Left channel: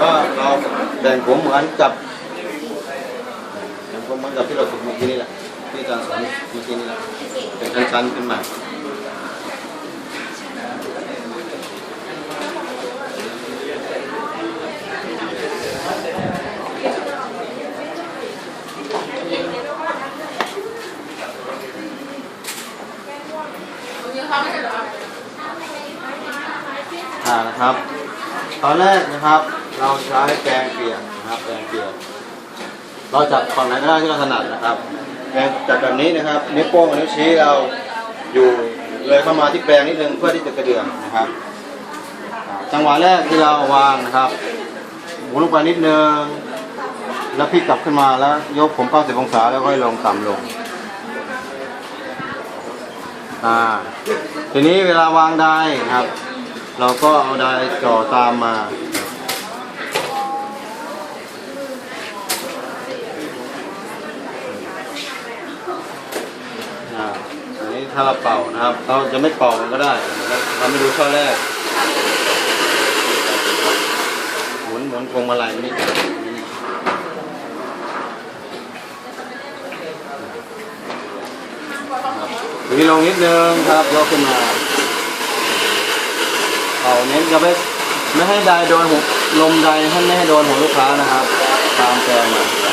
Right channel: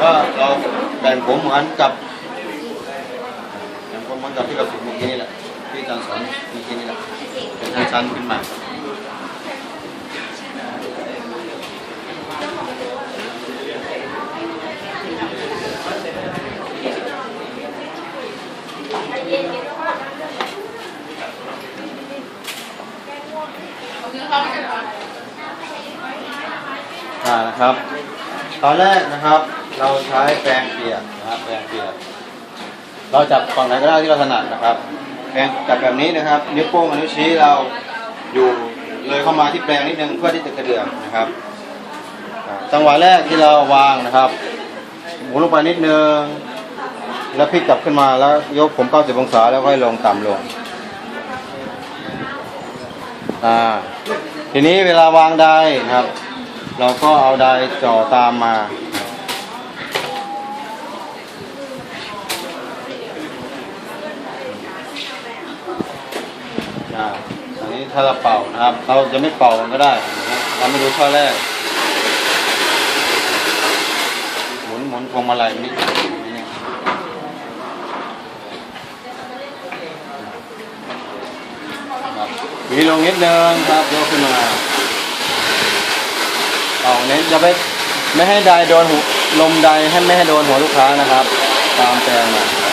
ก็เราแบ่งผมเหมือนจับแบ่งผมเหมือนกับที่เราฝึกเมื่อกี้นี่แหละที่อาจารย์สอนเมื่อกี้นี่แหละเป็นชั้นขึ้นมาอ่านะครับ ตอนแรกนะครับ เราใช้แกงเปียกนะครับแกงเปียก เราจับฝั่งไหนก็ได้ที่เราถนัดนะครับแกงจับแบบนี้นะครับนิ้วโป้งกับนิ้วชี้เราอยู่เลยเข้ามาที่แปลงนิดนึงเพื่อที่จะกระเดื่องนะครับ จังหวะแรกที่เราวางนะครับหมุนลงไปนิดนึงแล้วพลิกกลับขึ้นมาแล้วยกผม 90 องศาแล้วค่อยลงต่ำลงอ่าทีนี้เวลาวางไดนะครับ เราก็เอาได้จ่อตามมา อันนี้ถ้าเราเป่านะครับ เราจะไม่เป่าก็ได้นะครับเราไม่รู้ช่อแรก หมุนหมุนพวงมาลัยนิดนึงนี่ครับหวีลงนิดนึงครับยกขึ้นมาเอาเน้นจะไม่ไม่ให้ไดโดนหัวลมไดให้ไม่ให้โดนหัวลูกค้านะครับ ตามแปลงมา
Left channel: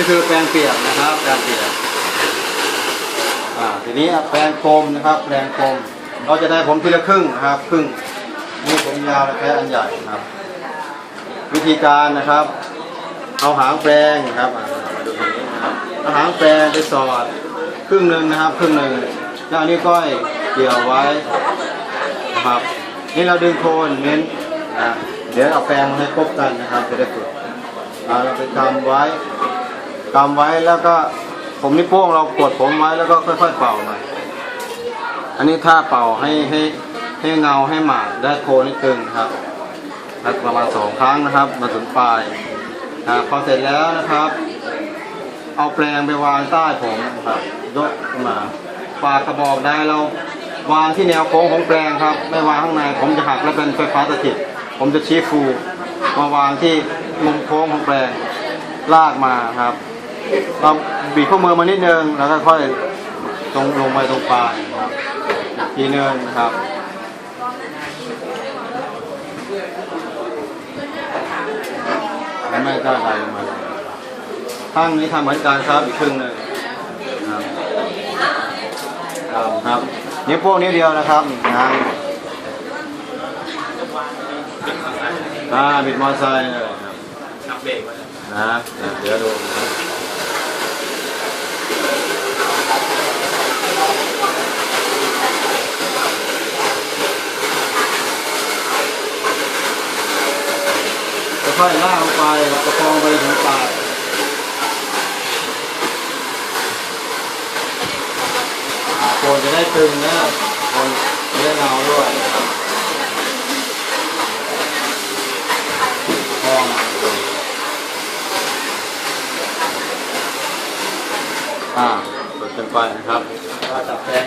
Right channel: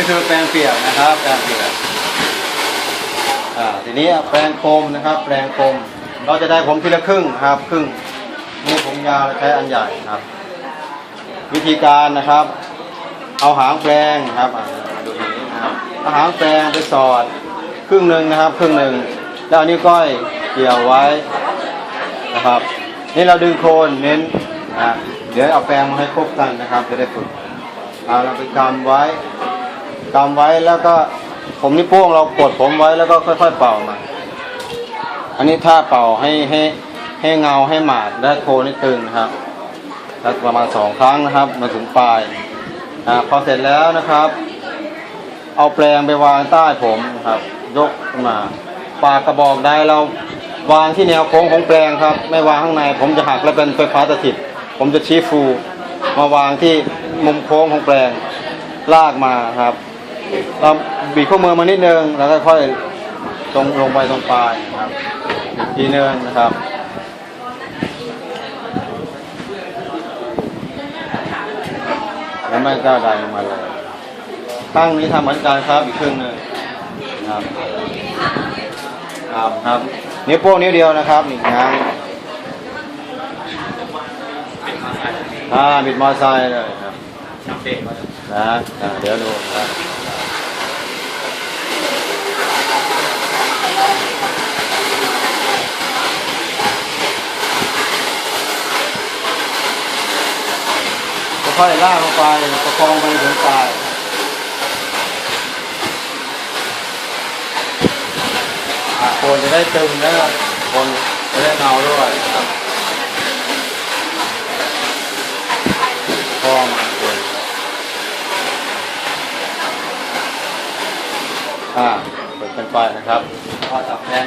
นี่คือแปลงเปียกนะครับแปลงเปียกอ่าทีนี้แปลงโคมนะครับ แปลงโคมเราจะได้ผมทีละครึ่งนะครับครึ่งนี่ผมยาวแค่อันใหญ่ครับ วิธีการนะครับ เอาหางแปลงนะครับมาดูตรงนี้นะครับเอาหางแปลงไปสอดครึ่งหนึ่งนะครับ ครึ่งหนึ่งแล้วอันนี้ก้อยเกี่ยวไว้นะครับ นี่เราดึงโคนเน้นนะเดี๋ยวเอาแปลงมาให้ครบกันนะครับ จะได้ฝึกอ่าเราไปกำไว้ กำไว้แล้วก็ผมนี่วโป้งเรากดผมไว้แล้วก็ค่อย ๆ เป่ามาอันนี้ถ้าเป่าให้ให้ให้เงาให้หมาดและโคนนี่ตึงนะครับแล้วประมาณสองครั้งนะครับ มาถึงปลายอ่าพอเสร็จแล้วนะครับ เอาแปลงไปวางใต้ผมครับ ยกมาปากกระบอกได้เราวางที่แนวโค้งของแปลงครับ ไม่วางข้างใน ผมจะหักแล้วเป็นไฟฟ้าสถิต ผมจะชี้ฟู มาวางที่มุมโค้งของแปลงลากมาครับ เราบีบข้อมือมานิดนึงแล้วก็ค่อยตรงลงไปตรงปลายครับอีกทีนึงนครับแล้วไม่ก็ดันลงมาเลยตั้งนี้ทำเหมือนกันครับอีกครึ่งหนึงครับครับนิ้วโป้งนิ้วเดียวนะครับอีกครั้งอ่าบิดมอเตอร์ไซค์เลยครับนะครับอะเดี๋ยวดูครับ ค่อยๆลากลงไปประคองไปถึงปลายอ่าโคนจะได้ตึงแล้วก็โคนจะได้เงาด้วยครับพอมา อ่าเปิดไฟนะครับก็จับแทน